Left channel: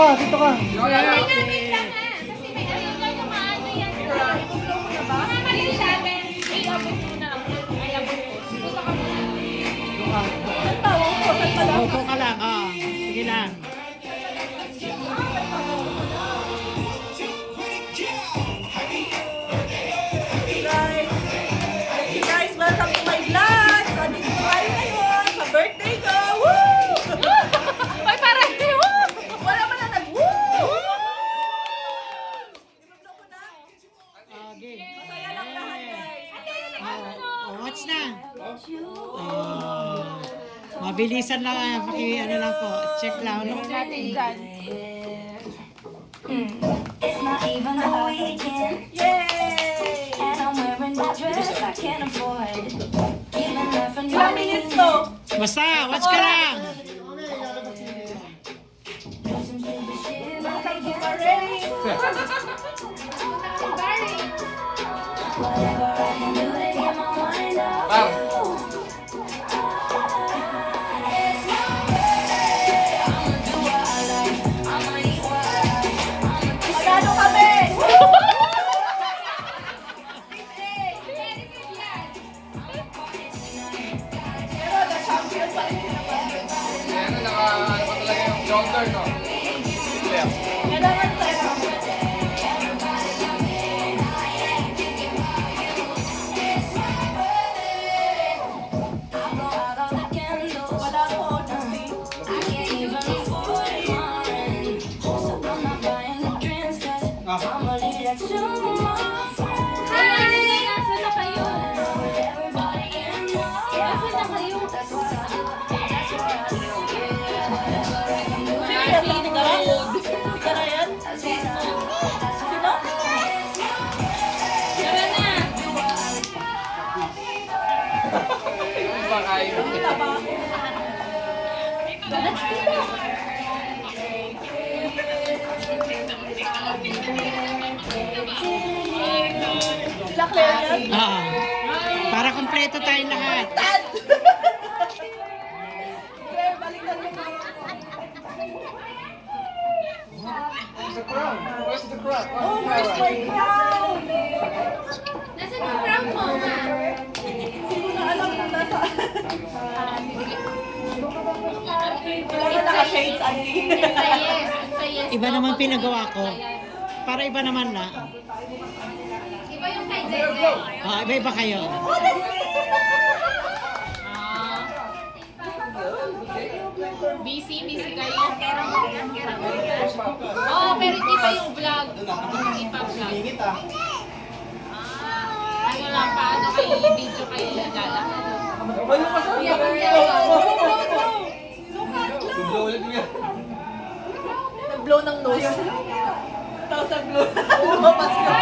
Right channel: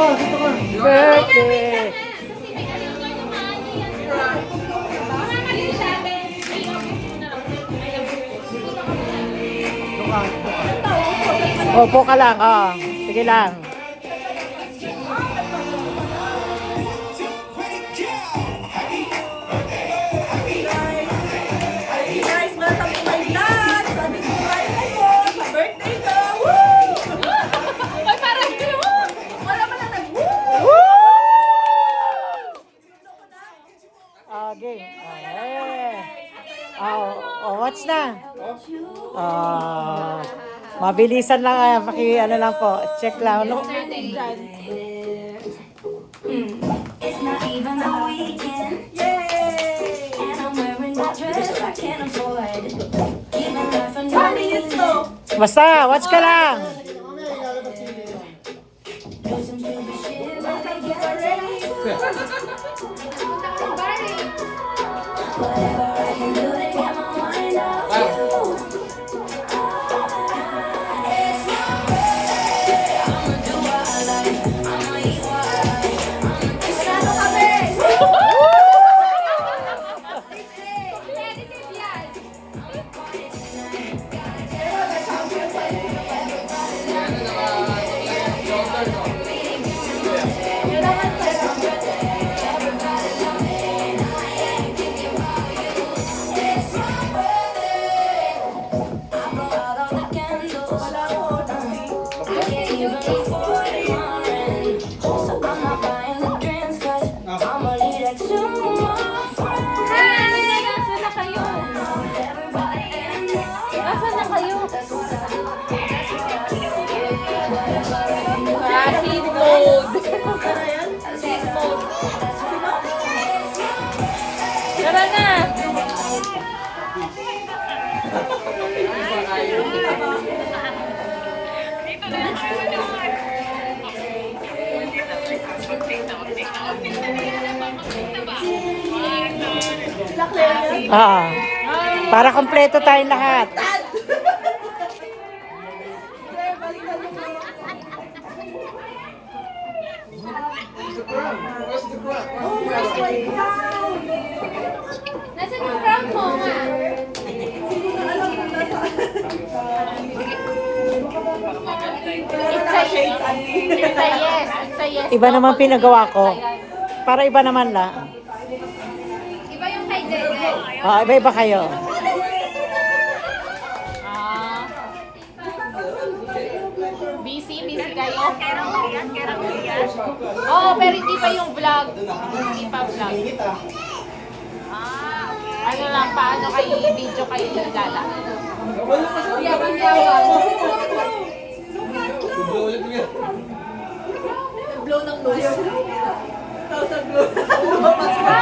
ka, dito ka. Birthday! Kasi may ano lang sa maano yan. Mamamali siya. May abot muna. May abot. Pupunta ka muna. Dito ka, dito ka. Opo ka lang, oh. Sige lang. Guys, welcome to my vlog! So, dito ko kayo ngayon sa birthday ko! Woo! Ay, parang Wala mo na nag-woo! Game. Watch na. Mabilisan lang. Ano lang po. Check lang. Look. It's not even the weekend, Yay! and I'm wearing that dress I can't afford. Even laughing Ilang minutes to? Basta, watch ka lang. Welcome to Barry! whatever I can do to get my mind off you. It's my birthday. I'ma do what I like. I'ma eat what I like. Manalo kami! Pero na-champion pa rin naman. Kailangan tayo. I blow out all the candles. Wala ko, Judy. I can't even afford mine. So I'm not buying the drinks 'cause I'ma leave that to my friends. Hi! Asan na kayo? Everybody can know. Asan na kayo? That's what I do. That's what I do. Seat mode. Sika na yan? Seat mode. Sino? Tara na. Sila Claire yan? Para kompleto tayong lahat. Claire, balikan mo nga. Oh, where's my crown? Nasaan yung crown mo nga? Hindi ko na alam kung nasaan. Kailangan naka-shades, Auntie. It's a yes. It's a yes. Iba naman pinagawa ko. Para iba naman la. Iba yung kay Dede. Iba-iba kayo. Ah. Busy kayo? Oo, pero hindi pa yung vlog. Hindi pa vlog. Ano lang, paano kayo video kayo lala? Nag-blow ng nose. Tapos nag-blow. Lumabas na.